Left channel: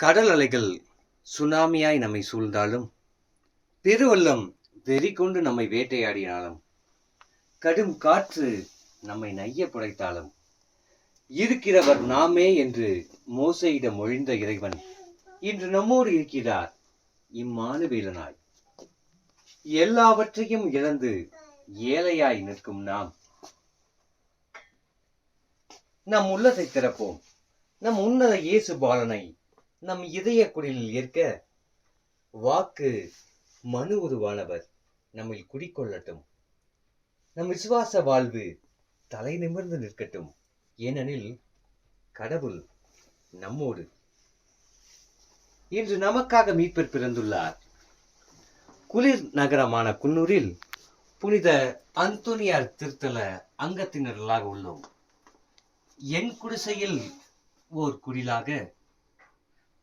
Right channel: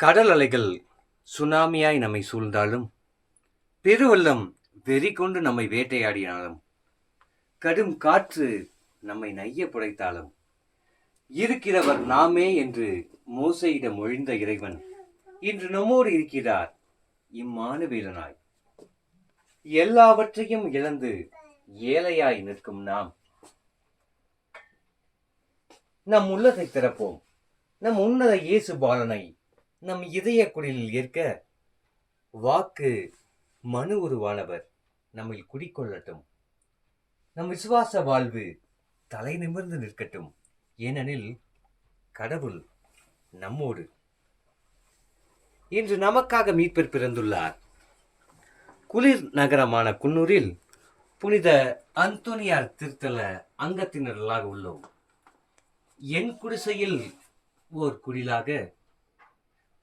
கடல் அலைகள் சுனாமியாய் நம்மை சூழ்ந்தாலும் பெருவெள்ளம் வெறி கொண்டு நம்மை வேட்டையாடினாலும் கடும் காற்று நம்மை நைய புடைத்தாலும் இருக்கிறவர் நாமே என்று மோசையிடம் ஒழிந்த இறைவன் இன்று நம்மோடு இருக்கிறார் இம்மானுவீரனாய் எல்லாவற்றையும் இழந்து ஏழையாய் நிற்கும் நாம். நம் உள்ளத்தை திறப்போம். நம் உன்னத இயேசு பாலனை நம் இதய குடிலில் ஏற்க வாக்கு மனு உருவானவர் நம்மில் குடிக்கொள்ளட்டும். நம் விசுவாச வாழ்வு தலை நிமிர்ந்து நிற்கட்டும். ஏனெனில் கடவுள் நம்மோடு. இன்று நமக்காக மீட்பர் பிறந்துள்ளார். குளிர் நகரமான குன்னூரில் புனித அந்தோனியார் திருத்தல அங்கத்தினர்களாக உள்ளோம். என் குடிசையில் ஓர் குடிலாக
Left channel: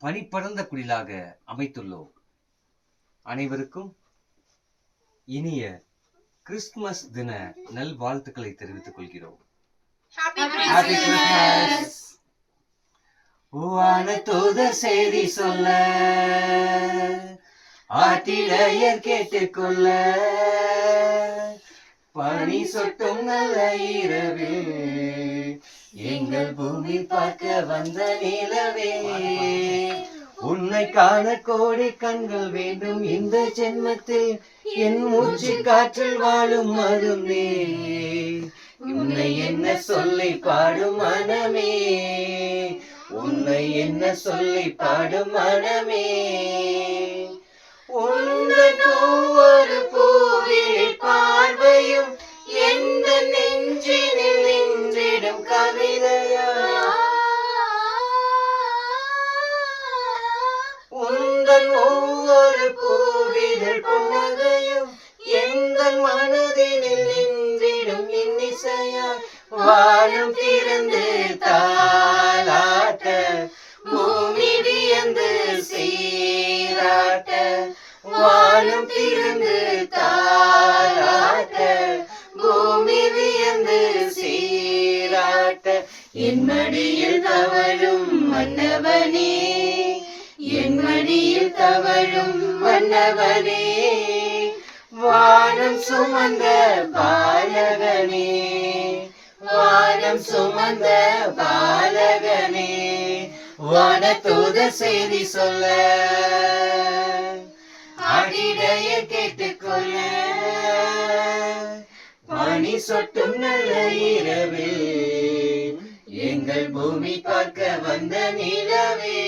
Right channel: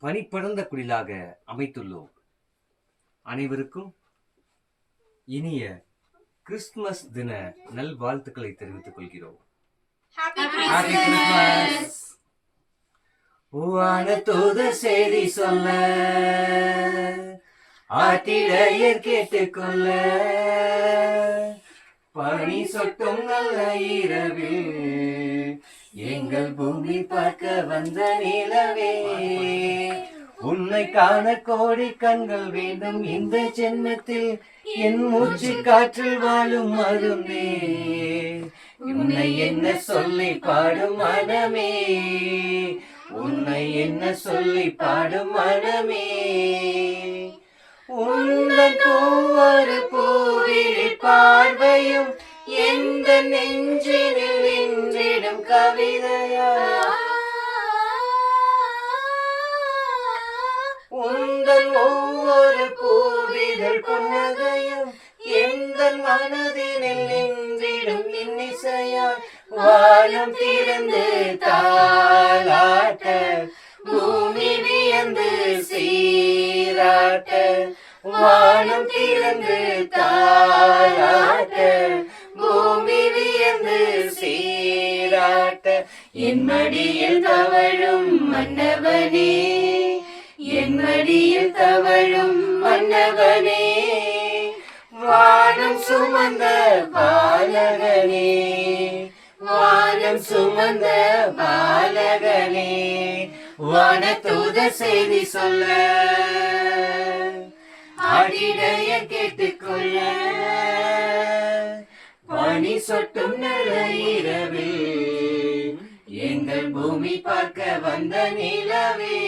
பனிப்படர்ந்த குடிலாக அமைத்துள்ளோம். அனைவருக்கும் இனிய கிறிஸ்துமஸ் தின நல்வாழ்த்துக்களை தெரிவித்துக் கொள்கிறோம். தூதர் செய்தி சொல்ல ஆட்டிடையர் கேட்டுக்கொள்ள பனி சொட்டும் நல்ல இரவில் எங்கள் பூமி பார்க்க வந்த நிலவே. உன்னை காண கோடி கண்கள் வேண்டும். இந்த ஜென்மத்தில் என் மூச்சு காற்றில் வாழும் மருமே உன்னை என்ன சொல்லி பாடும் மனமே. உன்னை என்ன சொல்லி பாடும் மனமே. உந்தன் ஒவ்வொரு பூவிழி பார்வையும் எந்த நெய் கவிதையா உந்தன் ஒவ்வொரு பூவிதழ் புன்னகையும் எந்த மனதினில் நின்றிடும் இன்னிசையா வானம் திறந்து தாளாட்ட பூமி வியந்து சீராட்ட வானம் திறந்து தாளாட்ட என் மடியில் தவழும் மன்னவனே என் மடியில் தவழும் மன்னவனே வானம் சுமந்த பாலகனே வானம் சுமந்த பாலகனே வானதூத செய்தி சொல்ல அடிடைய கேட்டுக்கொள்ள பனி சொட்டும் நல்ல இரவில் எங்கள் பூமி பார்க்க வந்த நிலவே.